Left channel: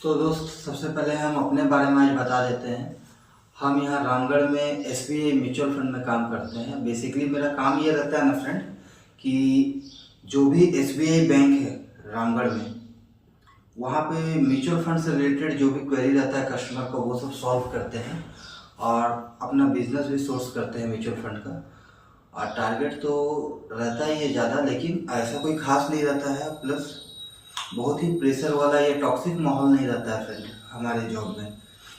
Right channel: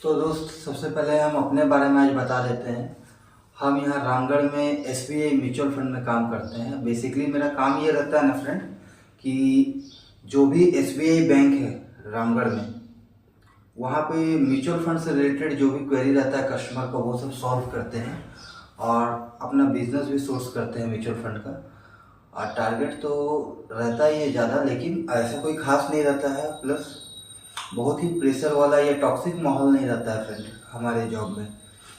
तो दोस्त, सबसे पहले हम अपने बारे में आज बता देते हैं। हम यहाँ रामगढ़ में एसबीआई म्यूचुअल फंड में काम करते हैं। बेसिकली मेरा काम ये रहता है ना फ्रेंड, कि जो भी एसबीआई बैंक है रामगढ़ में, वहाँ पे म्यूचुअल फंड से रिलेटेड जो भी क्वेरी रहता है कस्टमर का, वो सब सॉल्व करते हैं और अपना बिजनेस भी सोर्स करते हैं म्यूचुअल फंड का। और टारगेट तो रहता ही है ज़्यादा, लेकिन ऐसा कोई खास नहीं रहता है। प्लस बहुत ही प्रेशर वाला या टॉक्सिक माहौल नहीं रहता है फ्रेंड हमारे जॉब में।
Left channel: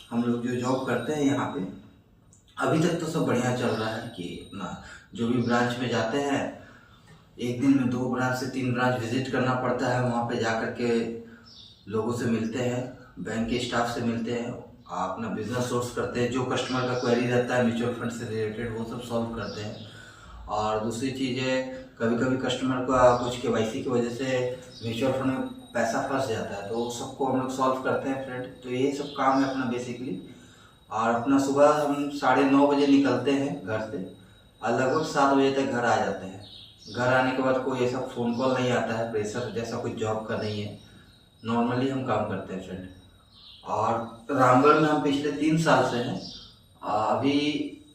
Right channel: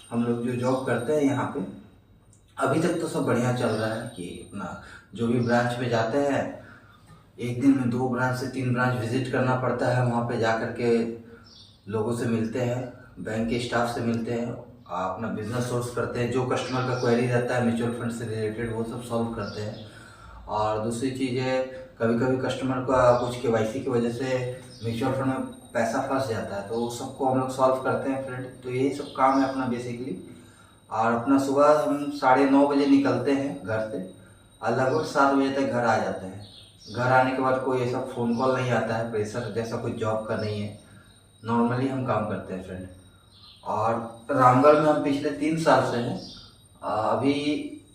हम लोग जो जॉब करते हैं यहाँ पे, अभी तक तो सब बढ़िया चल रहा है कि अपना जो भी ब्रांच में जाते हैं, एक दिन में 2 ब्रांच से 3 ब्रांच विजिट करना पड़ता है। वहाँ पे जा कर के लोगों से मिलते हैं, बैंक के स्टाफ से मिलते हैं, अपना बिजनेस सोर्स करते हैं, जो कस्टमर का क्वेरी रहता है म्यूचुअल फंड से रिलेटेड वो सब सॉल्व करते हैं। और दूसरी चीज़ है, कभी कभी कस्टमर का कुछ केवाईसी की वजह से म्यूचुअल फंड में पैसा फंस जाता है, तो सबको हम लोग सॉल्व करते हैं फ्रेंड। तो यही सब काम है अपना बेसिकली। और अपना सुबह हम 9:30 बजे निकलते हैं घर से और लगभग 7 बजे तक घर आ जाते हैं। घर आने के बाद कोई ऐसा फ़ोन कॉल नहीं आता है, प्रेशर जैसा कुछ जॉब का नहीं है। नॉर्मली हम काम करते हैं फ्रेंड। और रामगढ़ में हम पिछले 3 साल से हैं। अभी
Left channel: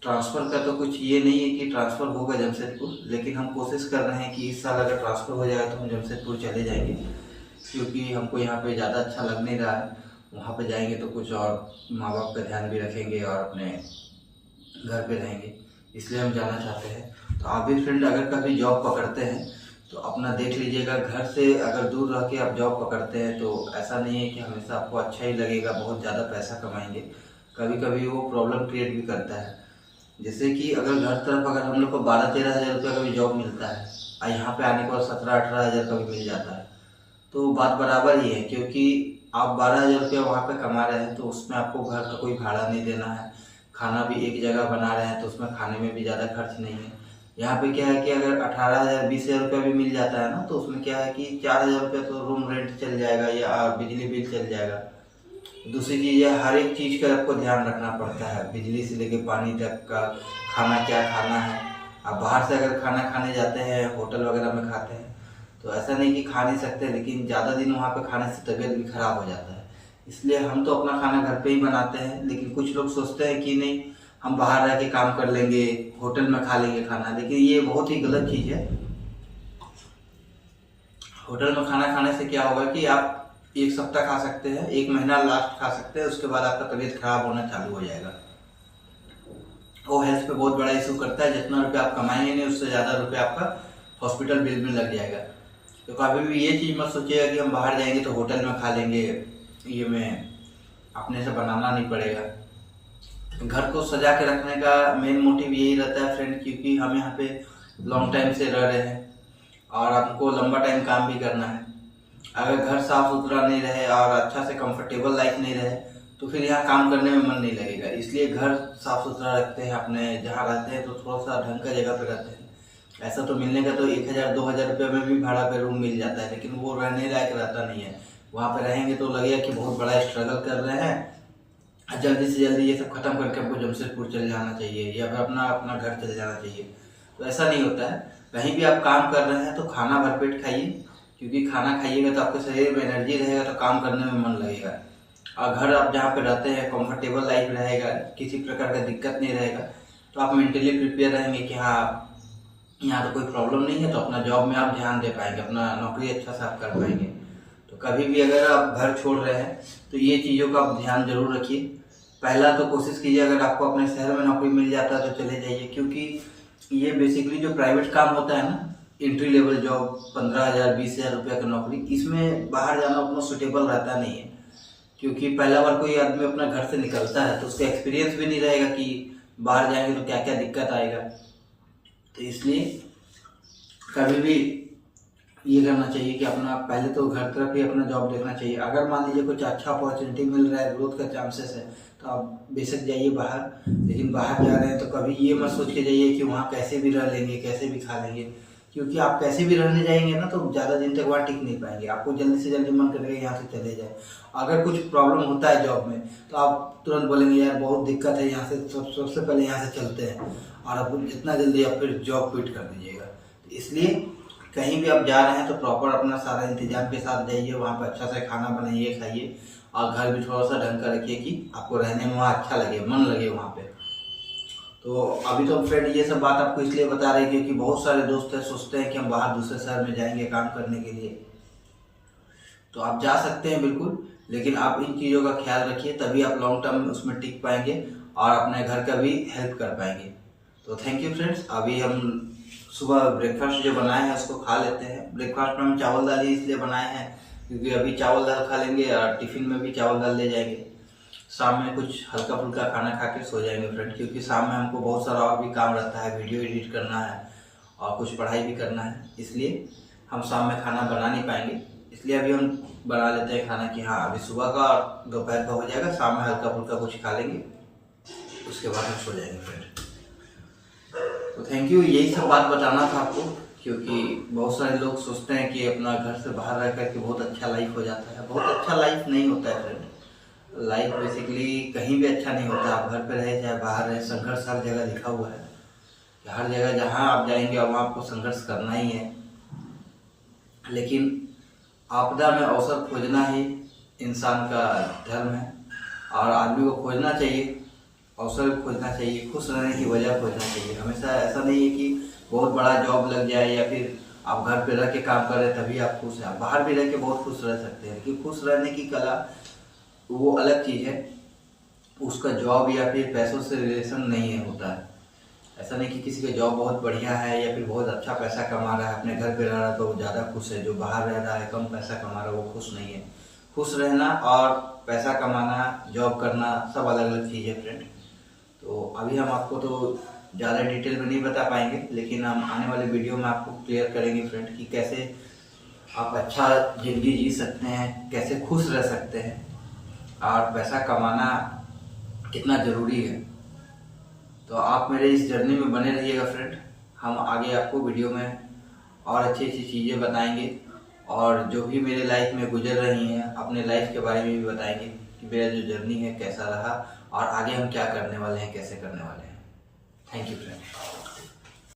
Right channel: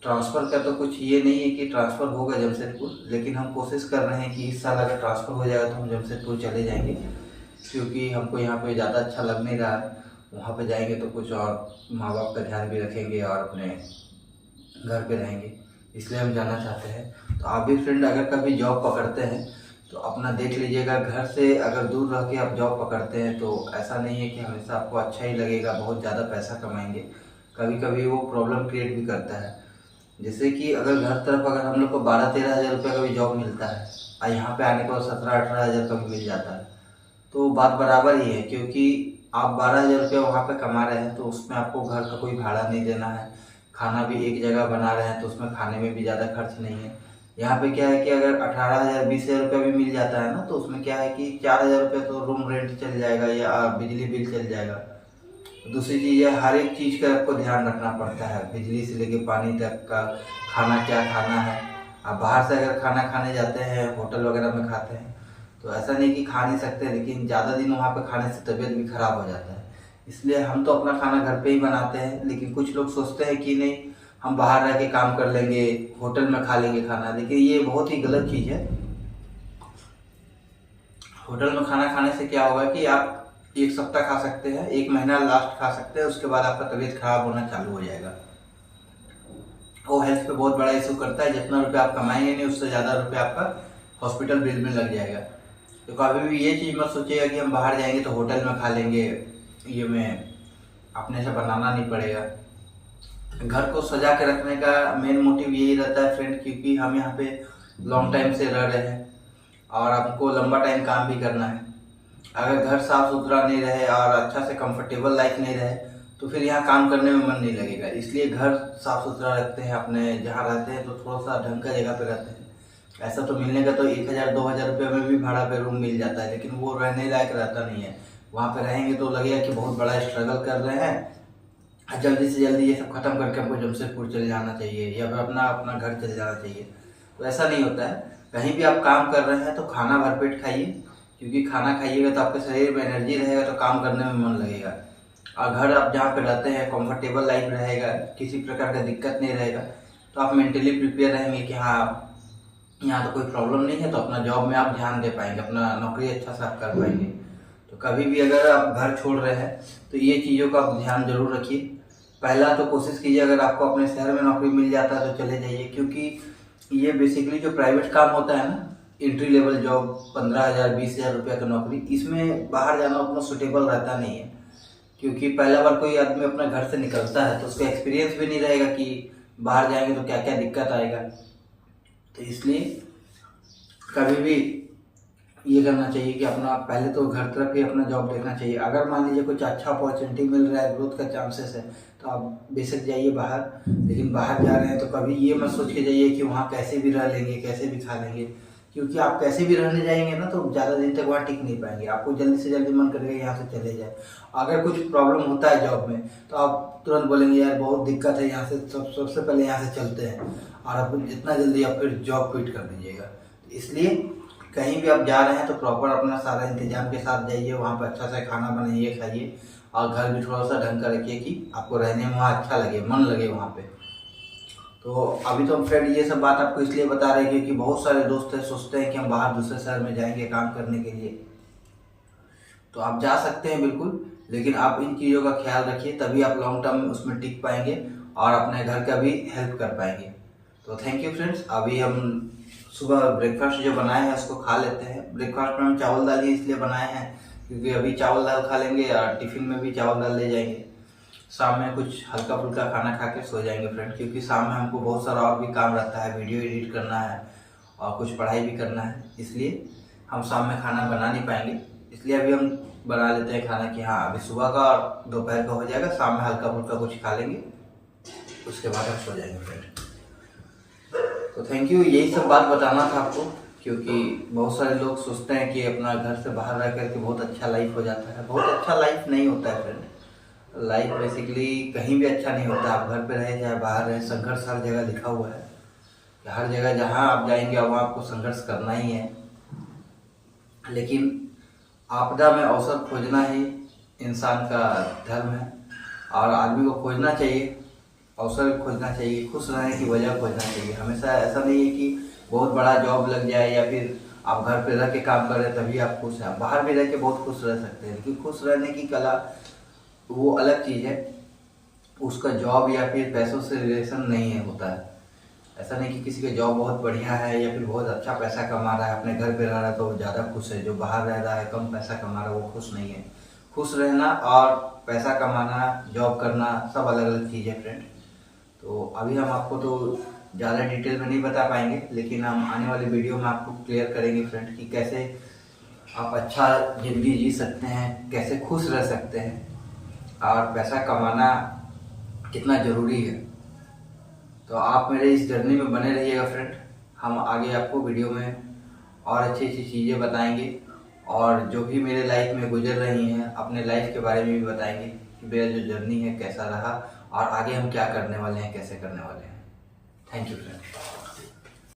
ट्रांसफ़र का तो कुछ ये नहीं है कि ट्रांसफ़र होगा जमशेदपुर, लेकिन हम कोशिश कर रहे हैं कि इस साल अगर ट्रांसफ़र हो जाएगा तो हम जमशेदपुर चले जाएंगे, क्योंकि हमको यहाँ पे ज़्यादा अच्छा लग नहीं रहा है। वहाँ पे जाएंगे तो कुछ और माँ बाप का ध्यान भी रखेंगे और अपने घर पे रहेंगे, इसलिए हम जाना चाहते हैं। तो आप भी फ्रेंड अगर कभी जॉब पकड़ते हैं तो अपना देख लीजिएगा। घर से अगर दूर रह के आप जॉब पकड़ते हैं तो ऐसा नहीं है कि हमेशा आपको अच्छा ही लगेगा, बहुत ज़्यादा पैसा कमाएंगे। कभी कभी वो प्रॉब्लम क्रिएट भी करता है। जैसे कि अगर घर तरफ अगर हम लोग को 12-13 हज़ार रुपये का भी जॉब मिलता है और यहाँ पे आने के बाद 17-18 हज़ार का भी मिल जाता है, तो बात बराबर ही है। क्योंकि आप 12 हज़ार रुपये वहाँ पे कमा रहे हैं तो उसमें आपको घर का कोई भाड़ा नहीं देना है, खाना भी एक जगह बना रहे हैं तो उसमें खाने में भी ज़्यादा खर्च नहीं है। यहाँ पे क्या है कि अगर 18 हज़ार 20 हज़ार रुपये भी मिल जाता है ना, तो उसमें क्या है कि 4 हज़ार रुपये तो रूम रेंट चल जाएगा या बिजली बिल चल जाएगा। दूसरी चीज़ है, हर एक चीज़ का आपको ध्यान रखना पड़ता है, बिजली से लेके पानी तक का, खाना क्या खाना है। आप बाहर से अगर खाना खाने जाते हैं, होटल वगैरह में खाते हैं, तो ऐसा नहीं कि खा नहीं सकते, लेकिन ज़्यादा दिन वहाँ पे खाने से तबीयत भी ख़राब हो जाता है। इसलिए हम तो अपना खाना घर पे ही बनाते हैं। लेकिन कुछ लोग सोचते हैं कि नहीं, हम बाहर रह के काम कर लेंगे, होटल में खा लेंगे खाना, लेकिन ये बहुत ही गलत चीज़ है। होटल में खाना खाने से क्या होगा कि आप 1 सप्ताह खा सकते हैं, 1 महीना लास्ट खा सकते हैं, उसके बाद आपका तबीयत खराब होना चालू हो जाएगा। वो हेल्थ पे बहुत बड़ा इशू करता है। जितना रुपये आप कमाएंगे नहीं, उससे ज़्यादा रुपये आपका हॉस्पिटल बिल में लग जाएगा। तो कभी भी ये चीज़ मत सोचिएगा कि हम बाहर जाएंगे तो होटल में खा लेंगे, ये में अपने से बनाना नहीं पड़ेगा। घर को सजा के रखने का मेन मोटिव यही रहता है फ्रेंड, क्योंकि हम यहाँ पे लॉन्ग टाइम से रह रहे हैं और हमको लंबा टाइम काम भी करना है। अगर घर साफ सुथरा नहीं रहे और अच्छा से कंफर्टेबल लाइफ नहीं रहे, तो फिर यहाँ काम करने में मन नहीं लगेगा। इसलिए घर साफ सुथरा रखते हैं, अपने जहाँ रहते हैं तो थोड़ा सा ढंग का जगह पे रहते हैं। ऐसा तो मिलने का तो 1,000-2,000 रुपये में भी भाड़ा पे रूम मिल जाता है, लेकिन वो रहने लायक रहता नहीं है। वहाँ पे रहेंगे तो लगेगा कि बहुत बड़ा स्ट्रगल कर रहे हैं, जल्दी से जल्दी ये सब खत्म करके हमको जमशेदपुर चले जाना चाहिए या फिर अपना अपना घर चले जाना चाहिए। तो ऐसा नहीं होता है। कहीं भी आप काम कर रहे हैं तो खाना भरपेट खाइए, क्योंकि खाना खाइएगा तो आपके शरीर में एनर्जी रहेगा, तो काम करने में मन लगेगा। और घर आप जहाँ पे रहते हैं कंफर्टेबल लाइफ रहेगा, किसी प्रकार का दिक्कत नहीं रहेगा, तो आप मेंटली प्रिपेयर रहेंगे कि हाँ यहाँ तो कोई प्रॉब्लम नहीं है, तो अपना जॉब में आप ध्यान दे पाएंगे, अपना नौकरी अच्छा से आप कर पाएंगे। तो कभी भी अगर आप घर छोड़ रहे हैं तो ये चीज़ों का आप ध्यान जरूर रखिए। पहला तो कोशिश कीजिए, अगर आपको अपने शहर में नौकरी मिल जाता है तो चले जाइए, क्योंकि ये बेसिकली जो प्राइवेट काम होता है ना, एंट्री लेवल जॉब, 15,000 20,000 रुपये का नौकरी, इसमें बाहर जाना उतना सुटेबल रहता नहीं है। क्योंकि पहला बार कोई आदमी अपना घर से निकलता है तो उसका एक्सपीरियंस भी नहीं रहेगा कि बाहर जाएंगे तो क्या क्या दिक्कत आएगा। तो इसलिए कभी भी ये करना चाहिए कि अपना पहले तो घर तरफ ही अपना जॉब देखना चाहिए। अगर मान लीजिए कुछ अच्छा अपॉर्चुनिटी मिल रहा है, ग्रोथ का चांसेस है, तो आप बेशक जाइए बाहर। लेकिन बाहर जा रहे हैं तो कभी ये मत सोच के जाइए कि वहाँ कैसे भी रह लेंगे, कैसे भी खा लेंगे। क्योंकि आप कैसे भी रहने जाएंगे ना, तो ज़्यादा दिन तक वहाँ टिक नहीं पाएंगे। आपको जल्दी से जल्दी मन करेगा यहाँ से चले जाए। अगर कुछ प्रॉब्लम होता है जॉब में तो आप तुरंत बोलेंगे यार बहुत दिक्कत है, यहाँ से सबसे पहले यहाँ से चलते हैं, और आप जितना जल्दी आप फिर जॉब क्विट कर दीजिएगा। इसलिए कहीं भी आप जा रहे हैं तो प्रॉपर अपना सारा इंतजाम के साथ जाइए, वहाँ पर अच्छा से खाना बनाइए, खाइए, और घर भी थोड़ा सा ढंग का रखिए कि आपको रहने में वहाँ अच्छा लगे, मन लगे वहाँ पे। तो अभी तो हम फ्रेंड ये सब बात आपको इसलिए बता रहे हैं क्योंकि बहुत सारे दोस्त हैं सोचते हैं कि हम बाहर दूसरे शहर में जाएंगे काम करने के लिए। तो आप जा सकते हैं बिल्कुल, लेकिन आप इन चीज़ों का ख्याल रखिए, तभी आप लॉन्ग टर्म में उसमें टिक पाएंगे और अपने घर का भी हेल्प कर पाएंगे। तो थैंक यू फ्रेंड्स। अभी हम सुबह ब्रेकफास्ट जो बनाए हैं उसको खा लेते हैं। ब्रेकफास्ट में हम चावल दाल ही इसलिए बनाए हैं क्योंकि अभी चावल दाल खा लेंगे और टिफ़िन में भी चावल दाल ले जाएंगे। शाम में कुछ हल्का फुल्का खाना खा के सो जाएंगे फ्रेंड, क्योंकि शाम में हमको बहुत सारा और भी काम रहता है, वीडियो एडिट करना है और कुछ पढ़ाई भी करना है, इसलिए हम शाम में खाना बना नहीं पाएंगे। इसलिए अभी हम बना लेते हैं खाना कि हाँ अभी सुबह का और दोपहर का हो जाएगा, शाम में हल्का फुल्का कुछ खा लेंगे, उसके बाद हम सो जाएंगे फ्रेंड। तो थैंक यू, यही सब बात बताना था आपको, क्योंकि बहुत सारे लोग सोचते हैं कि अपना घर से बाहर रह करके बहुत अच्छा लाइफ हो जाता है। बहुत अच्छा लाइफ नहीं होता है फ्रेंड। लाइफ बेसिकली कहीं भी अच्छा नहीं होता। आप घर पे रहे चाहे बाहर रहे, संघर्ष हर जगह लिखा हुआ है कि हर जगह जहाँ आप जाएंगे वहाँ आपको संघर्ष करना ही है। लेकिन आपदा में अवसर खोजना ही इंसान का धर्म है और आदमी को खोजना चाहिए, अवसर खोजना चाहिए, खुश रहने की वजह खोजना चाहिए। हमेशा ऐसा नहीं है कि बहुत बड़ा जॉब लग जाए या फिर आप घर पे रह के काम कर रहे हैं तभी आप खुश हैं। आप बाहर भी रह के बहुत खुश रह सकते हैं, लेकिन खुश रहने की कला वो अलग चीज़ है, उसका जॉब या फिर पैसों से रिलेशन नहीं है होता है। ऐसा नहीं कि किसी का जॉब बहुत बढ़िया है या फिर बहुत अच्छा पैसा कमा रहा है, अपने घर पे रह रहा है तो वो ज़्यादा खुश है, जो बाहर रह रहा है कम पैसा कमा रहा है वो खुश नहीं है। खुश रहना और पैसा कमाना, जॉब करना सब अलग अलग चीज़ है फ्रेंड। तो अभी हम आपको तो ज़्यादा डिटेल में नहीं बता पाएंगे, लेकिन हम आने वाले वीडियो में आपको क्लियर करेंगे फ्रेंड कि कैसे आप अच्छा ज़िंदगी जी सकते हैं, कैसे खुश रह सकते हैं और पैसा कमाना कितना ज़रूरी है। तो आप मेरे इस जर्नी में बने रहिएगा फ्रेंड। हम आगे आपको वीडियो में और अच्छी अच्छी चीज़ें बताएंगे और जो भी मेरे लाइफ में गुजर रही हैं अपने लाइफ के बारे में भी बताएंगे कि मेरा जो जर्नी है कैसा रहा और आगे हम क्या करने वाले हैं, कैसे करने वाले हैं। Thank you friend.